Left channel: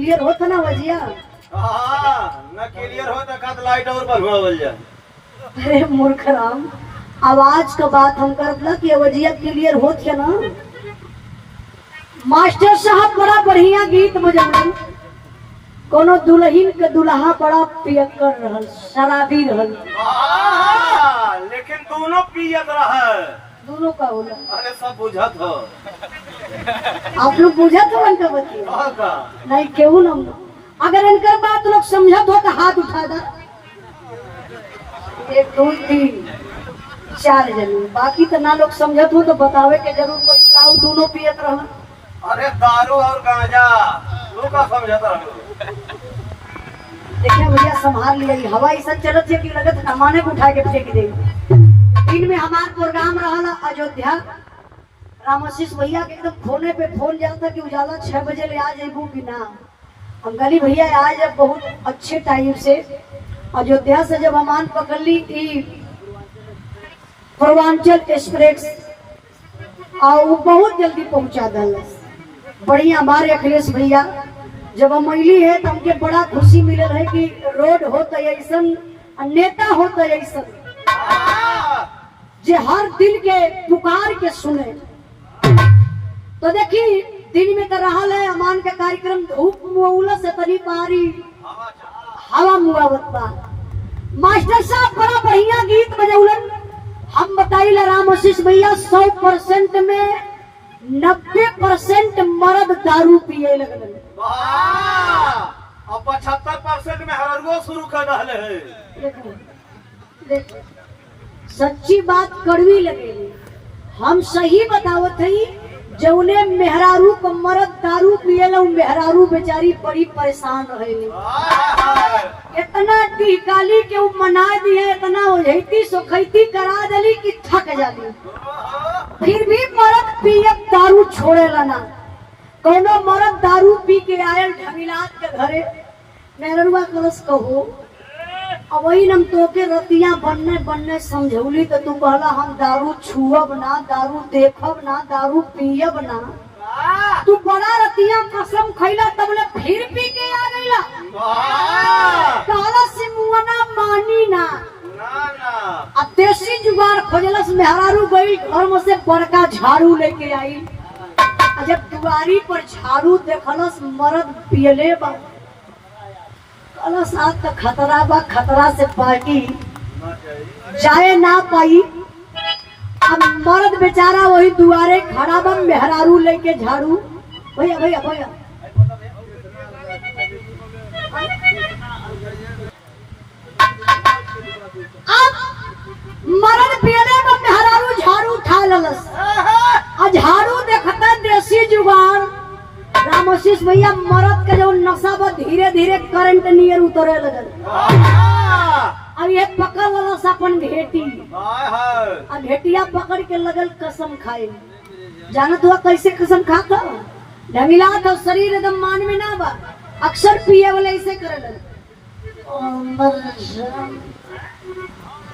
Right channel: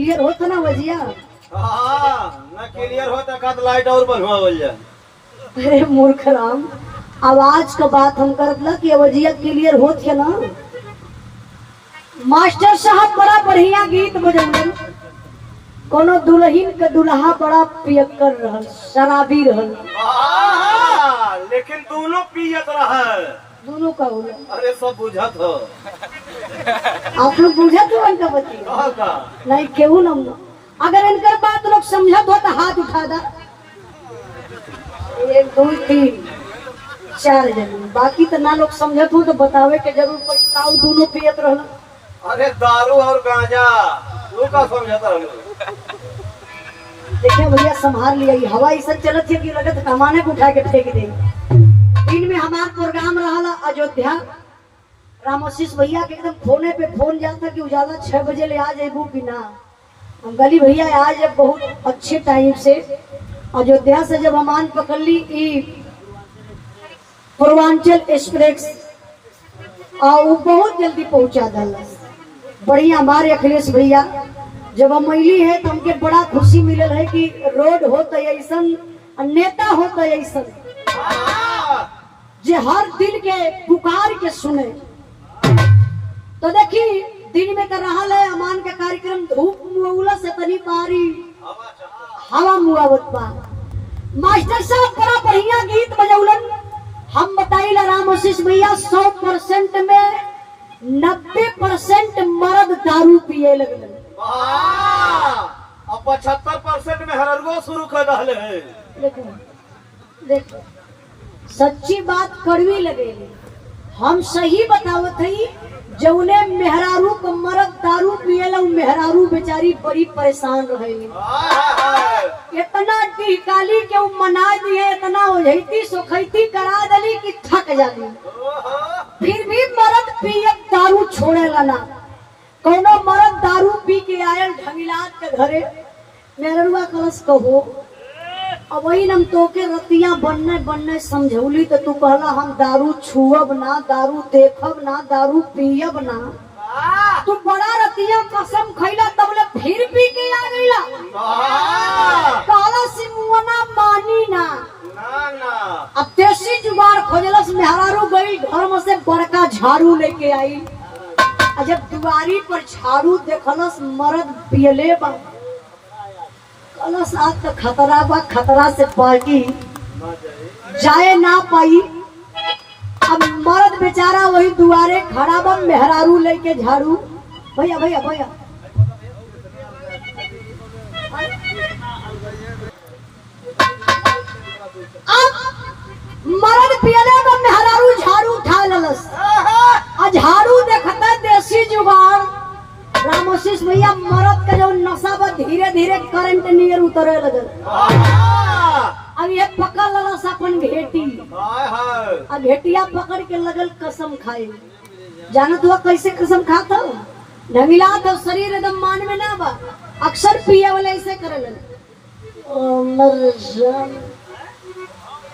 Clear होता ना वजिया। हाँ ना क्लियर होता का तो लाइट और बंद हो जा। अरे मूर्ख राम, आवाज का बात हम करला कि वजिया क्लियर होत है ना। मास्टर साहब बड़ा बढ़िया गीत बजौलन। कोनो दुल्हन के दुल्हा बड़ा पियक्कर रहल, शराबी रहल। लेकिन दोनों पियत रहा। दोनों का होला। अरे सब बुझत हो। आप लोग बुझत हो इनका बतिया? नहीं केहू ना। अगर इनका बात लोग समझत हो तो हाथ उठा दा। 1 2 3 4 जन, बाकी तो ना लोग समझत हो तो बतावे के जरूर कोई काऊ दोनों पियत रहा। अरे दारू और गांजा लोग का समझत रहा। देखिए भैया संभाल लिया, हवा ऐसा चलत है कि लगत कमाने को उठा के फेंक दे। दिन में हमार प्रोग्राम रहा अयोध्या, रामशीष भैया के एकदम फोने पे फोन जाता कि उजाला 6 बजे ले आ जाबू कि ना। हम गली भैया आज जब बहुत अच्छे टाइम से अयोध्या से जब हमान पकड़ ली पूर्वांचल एक्सप्रेस और वो बहुत जल्दी पहुंचा दल। बढ़िया हमारे अखिलेश भैया जब हम मिली है तो हमके बड़ा खुशी मिलल है कि रोड होता ऐसा, नेता होता ऐसा जे हर दिल के पुकार के सुने। तो देखिए दिन में तो रहल है अमान के कार्यक्रम, धूप मुआवला से तनी पारी हवा मुआवत बा। मास्टर साहब बड़ा बढ़िया गीत बजौलन। हम बताइला रामशीष भैया 100% में 90% मर्द दारू पिए लगल। 75% में हरगो शुरू कर रहे हैं। देखो सच्ची बात कड़वी लगेगी, हम सही बतावत हई। जौने मेहरारू को मर्द दारू पिएला मेहरारू बेचारी बड़ी परेशान रहेली। इतना टिकाली के मना दिए, इतना ओझैती सोखैती करा दली कि थक जाली। फिर भी मर्द पिए दारू छोड़ेला ना। कोनो मर्द दारू पी के आयल ढमिलात के घरे, मेहरुआ कलश कहो अब वही हम तोके रतिया बनने बनने समझौली तो तू कहला हम दारू छुअब ना, दारू देखब ना, दारू पियब ना। तू बड़ा रतिया कसम खैला तबले फिर पी के आ गईला। कहला से मुआना मानी ना। अब देसी जुगाड़ खोजलस, मेहरारू गई घर में से बड़का झाड़ू लेके आई। जब दुआरी पर झाड़ू देखलस मर्द पियले बा, साथ तो खतरा बा, खतरा से पार्टी जाए ना पाई। अब मर्द बेचारा वही दुआरे खड़ा बा, मेहरारू लेके झाड़ू। भैया भैया भैया अब मर्द पियले बा, मेहरारू झाड़ू उठा ललस। झाड़ू देखता देसी जुगाड़ रामशीष भैया मरद का जो नशा बा धीरे धीरे करंट नियर उतरे लगल। अब ये पकड़ ललस अपन घेटी, घेटिया पकड़ के लगल कसम खाए। जानत हुआ कैसे कसम खाता? ढमिला था शरीर एकदम मान में ना बा, अक्सर पिए वाले ऐसे करे लगे।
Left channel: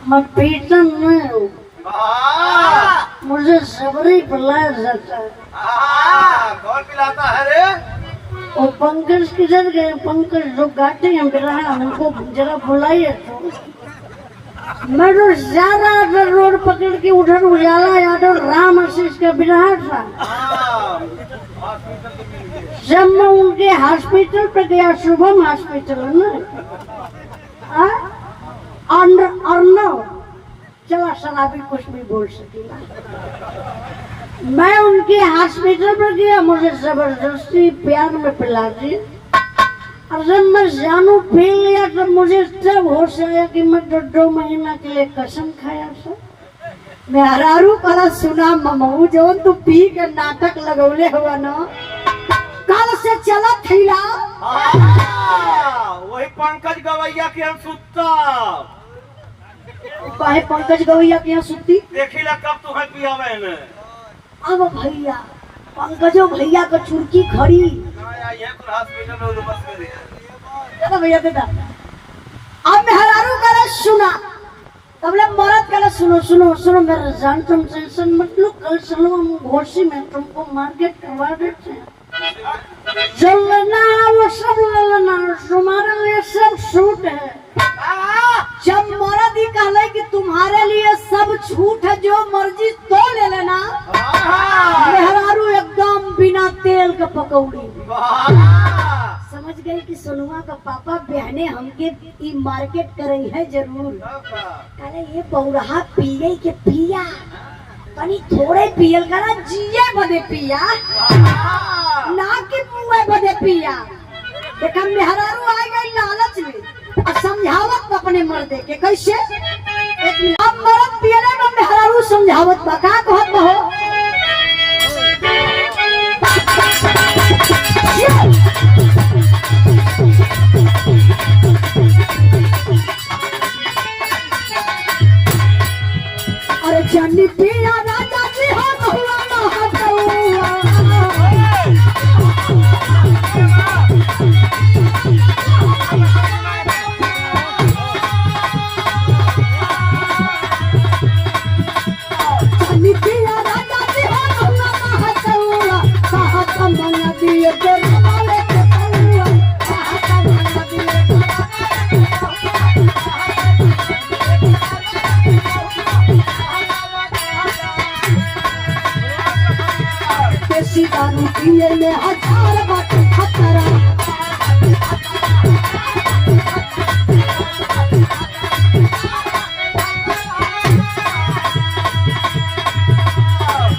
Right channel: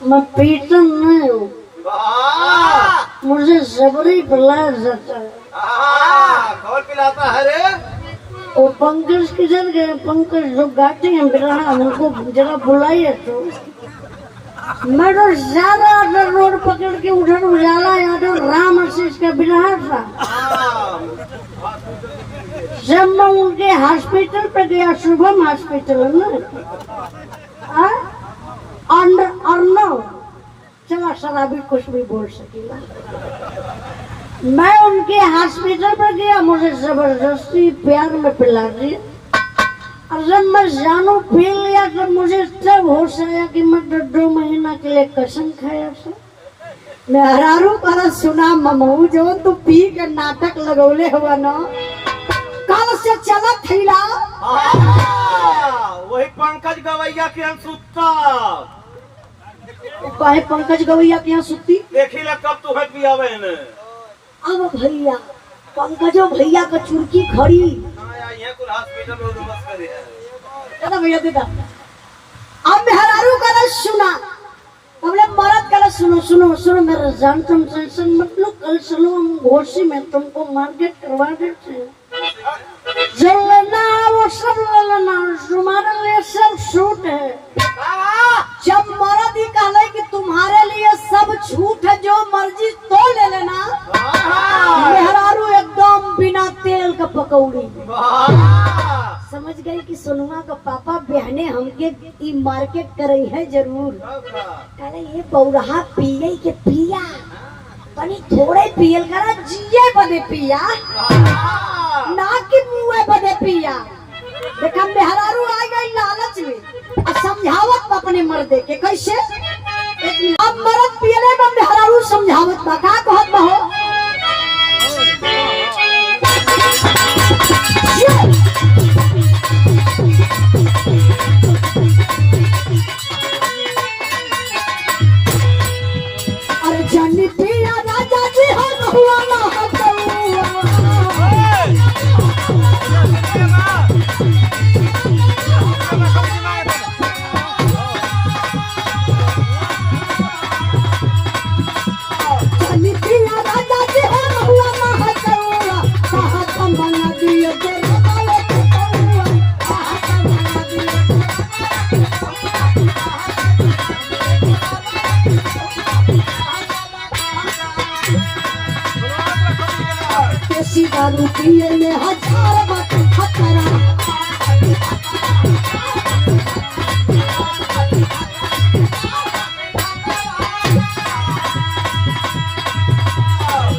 मैं पीता नहीं हूँ, मुझे सबरी पिलाया जाता है। कौन पिलाता है रे? वो पंकज किधर गए? पंकज जो गाते हैं बिरहा, उनको जरा बुलाइए तो। मैं तो ज्यादा रोड पकड़ के उधर उजाला यादव रामशीष का बिरहा था। जब मैं उनके हॉस्पिटल पे गया, शुभम हॉस्पिटल ना, अर्नव चला शराबी कुछ भी बोल सकेगा। मैं उनके हॉस्पिटल पर गया, मुझे जबरदस्ती प्यार में पिला दिया। और जब मैं जानू पी लिया तो मुझे तब होश आया कि मैं 2 महीना के लिए कसम खाया था। मैं हरारू कल सुना ममू जो तू पी के नाटक लगौले हुआ ना, कल से चला थैला। वही पंकज गवैया के हम सुता। कहे पंकज गवैया के यहाँ सुती? देखी ला कब तू है पियावे ने। अब भैया पंकजो भैया का चुरकी खड़ी भैया देता। अब मेहरारू का सुना तबले मरद का सुनो सुनो सुनो मेरा जान, तुम टेंशन मत लो, कल चलो हम घोसी में तुमको मार्केट करवा देते हैं। जो लेना है वो सब ले लेना, तुम्हारे लिए सब छूट है। जब मर्द ही कहले कि तुम्हारे लिए सब छूट है, जो मर्जी तो ले लेना। मेहरारू एकदम बिना तेल का पकौड़ी। समझ गई कि सोनुआ का पापा बहने हमके ई मार्केट करे है जरूर। अरे ये बौरहा पिए के पिया तनी थोड़े पियल करा, जिए बदे पिया ना कि मुए बदे पिया। देखा मेहरारू आ गई लालच में और समझावत अपने मर्दे के कैसे। अब मर्द पियले में मेहरारू समझावत बा का कहत हो। अरे जानी पिया राजा जी हो बहुआ ना हटौआ। जानी पिया राजा जी हो बहुआ ना हटौआ। कहा तुम बना दिए के नवाले के बहुआ। कहा तुम बना दिए देसी दारू पिए में 1000 बात खतरा।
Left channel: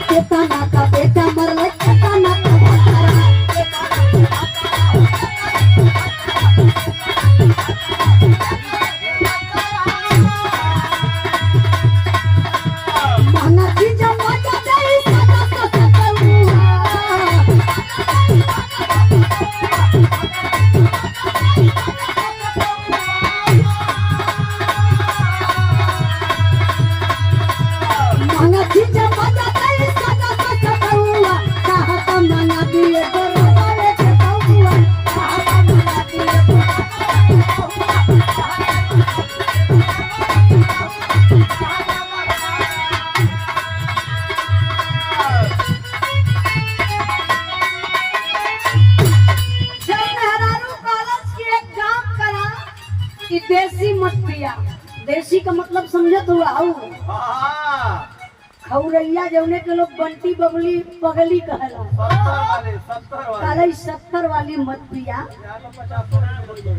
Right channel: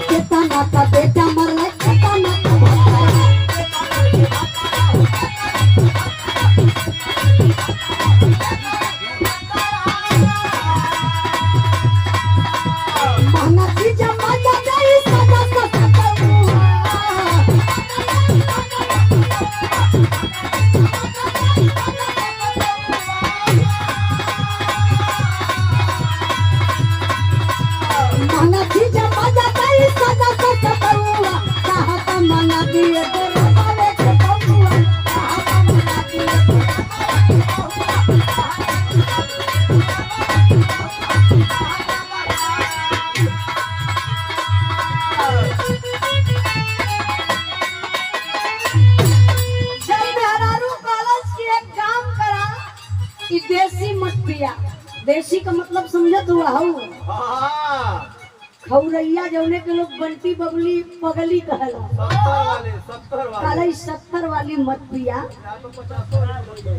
केतना का बेटा मरले, केतना का भतारा। महना की जमाना जाई सदा सतौआ। महना की जमाना जाई सदा सतौआ। कहा तुम मना दिए दरबारे के बहुआ। कहा तुम मना दिए जब मेहरारू कॉलेज की एक काम करा कि देसी मत पिया। देसी का मतलब समझत हुआ हूँ। खौरैया जौने के लोग बंटी बबली पगली कहला। 70 वाली मत पिया,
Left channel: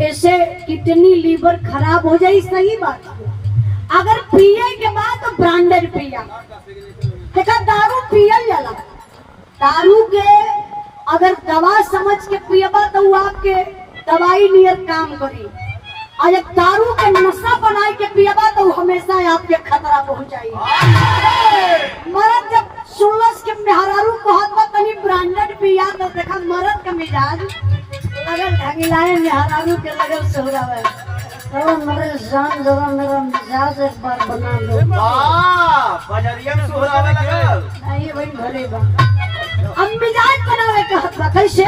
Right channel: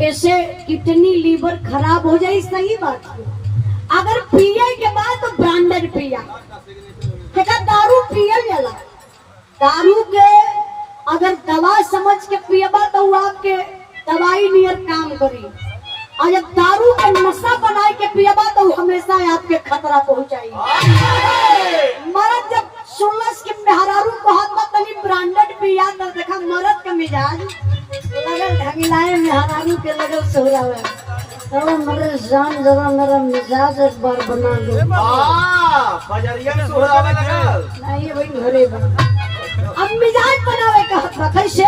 ऐसे किडनी लीवर खराब हो जाए। सही बात है। अगर पिए के बाद तो ब्रांडेड पिया। देखा दारू पियल जाला, दारू के अगर दवा समझ के पियबा तो वो आपके दवाई नियर काम करी। और जब दारू का नशा बना के पियबा तो हमेशा आपके खतरा पहुंचाई। मर्द जब सुनलस के मेहरारू कहत बा तनी ब्रांडेड पिया तो देखा मर्द का मिजाज लगल ढगिलाए, मेहरारू के लगल सोहरावे। तो मेरे जान जरा मेरा मिजाज एक बार बना दो। बजरिया में सोहरावे लगल नहीं भाई घरे बा। अब मिजाज बनावे कहत बा कैसे।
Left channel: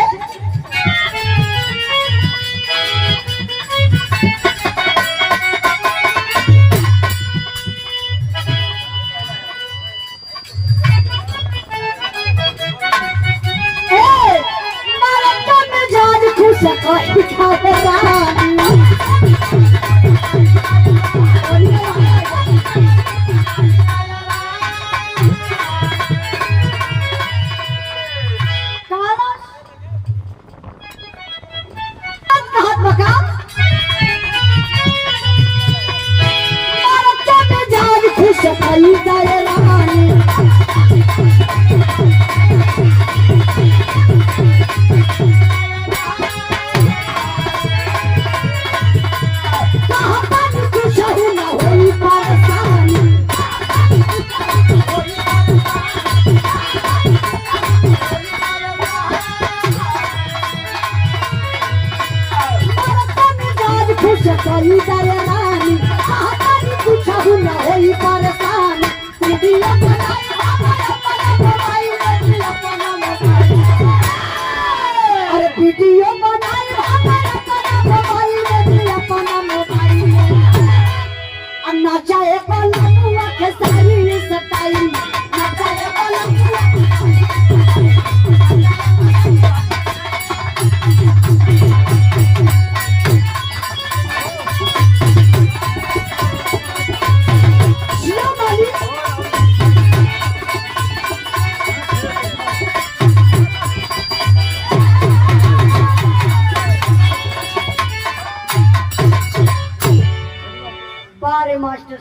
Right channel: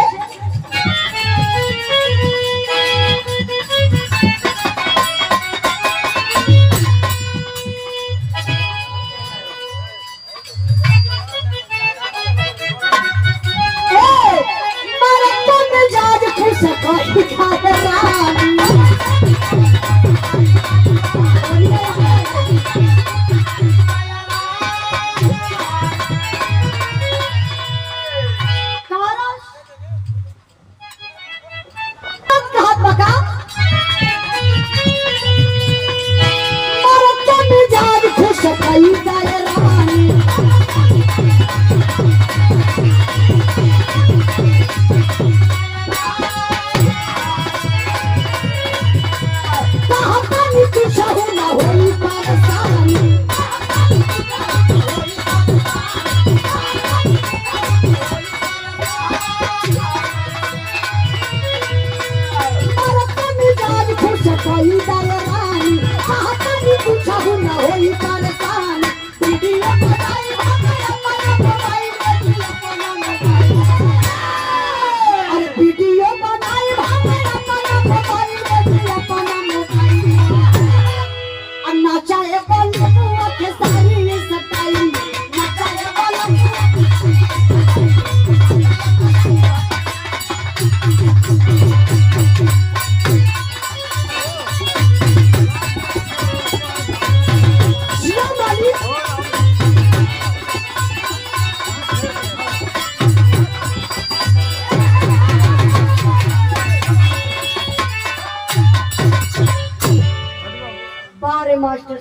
बारे मास्टर